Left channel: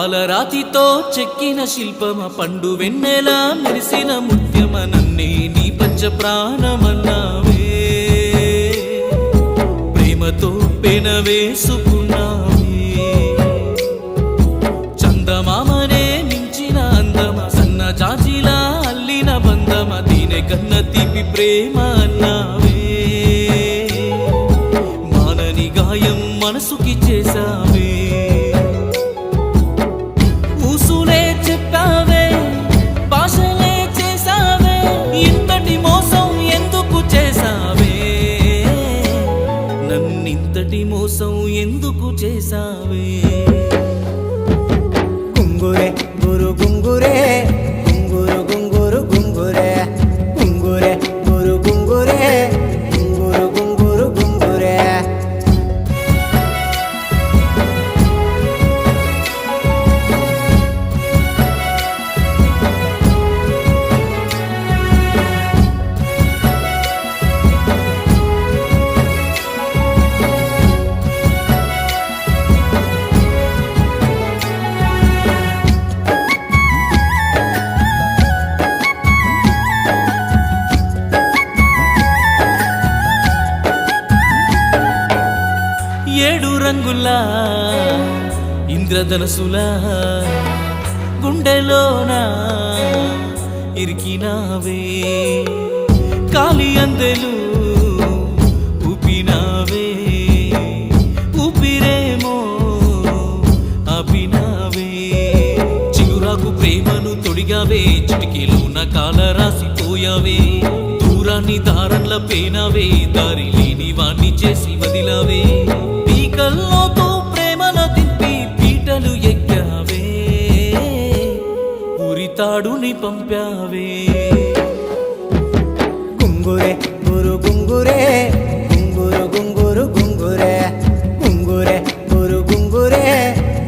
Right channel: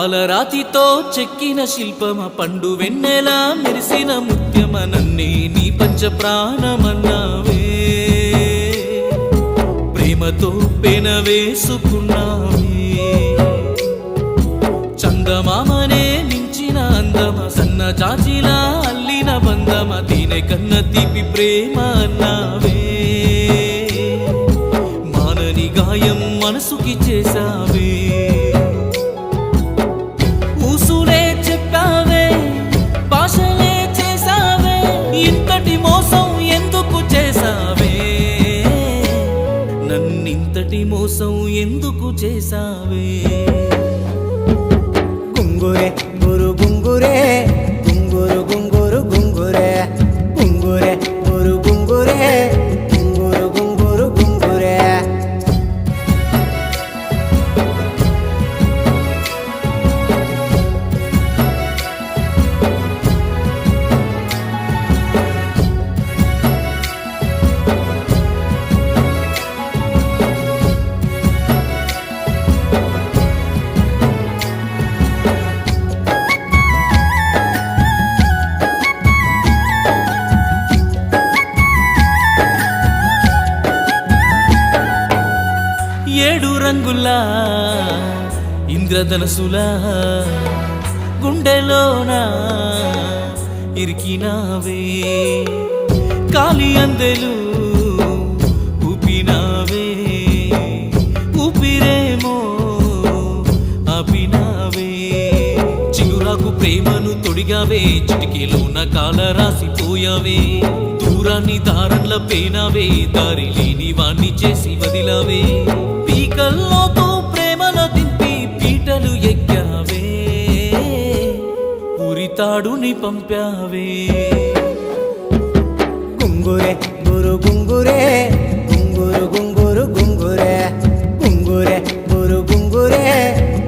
పాలరాతితో చెక్కిన శిల్పమ పండు వెన్నెలా మెరిసిన ముత్యమ నన్నే నీ పంచ ప్రాణమన్నావే ప్రేమతో పెనవేసుకున్నావే చందమామనే మించిన అందమ సన్న జాజిలా అల్లిన బంధమ దీనే కన్న తీపి ప్రేమ అన్నావే మానని గాయం మనసుకి చేసావే ఊసులే చెప్పావే భాషలే చేసావే ఇంతటి మోసం ఎందుకు చేసావే నన్నింతటి మోసం ఎందుకు చేసావే గుంగురే గురు గుంగురే గుంగురు గుంగురు గుంగురే గుంగురే గురు గుంగురే గుంగురు గుంగురు గుంగురే ఏడు రంగులా ఇంద్రధనసులా గుండెలోన ఇరికినావే కాలి అందెలు ఊపినావే ఊపిరేమో ఆపినావే చిగురాకు ప్రేమను తొడిగావే చిటికెలోన కాల రాసిపోయావే దూరాన్ని దారంల పేనావే దారి లేని వాణ్ణి చేసి వదిలావే పీకల్లోతో ప్రేమను దింపి పీటలు ఎక్కావే ఉరితాడుని పంపావే గుంగురే గురు గుంగురే గుంగురు గుంగురు గుంగురే గుంగురే గురు గుంగురే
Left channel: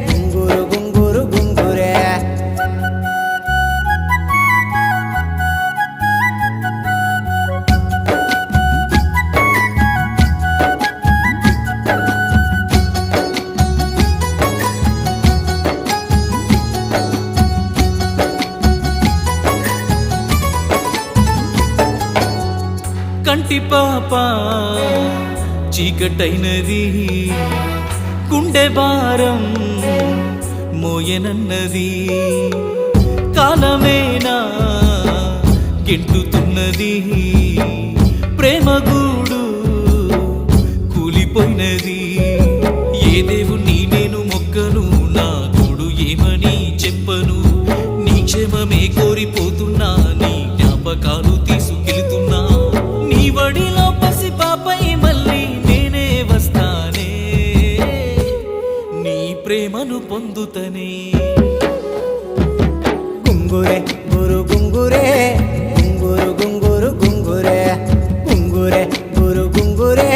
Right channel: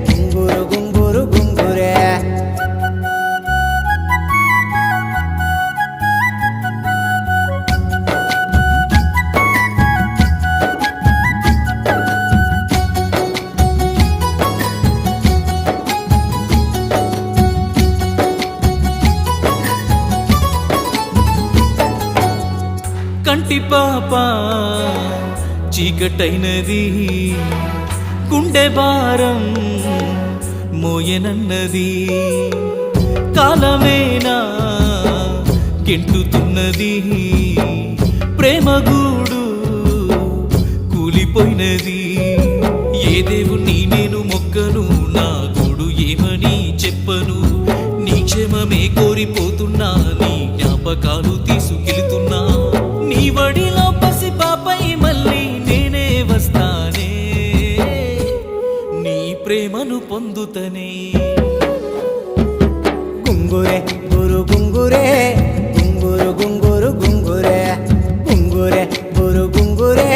గుంగురు గుంగురు గుంగురే కంటి పాప చీకటైనది గుండె భారం మోయనన్నది కాలమేనా గెంటుతున్నది ప్రేమగూడు కూలిపోయినది ఏ దేవుణ్ణి నేను మొక్కను నా గూడు ఏమని చెప్పను నీ క్షేమమే కోరిపోతున్నా నీ జ్ఞాపకాలు తీసుకెళ్తున్నా నీ వడిలో పసి పాపై మళ్ళీ నేనే వస్తానే నీ ప్రేమను పొందుతనే గుంగురే గురు గుంగురే గుంగురు గుంగురు గుంగురే గుంగురే గురు గుంగురే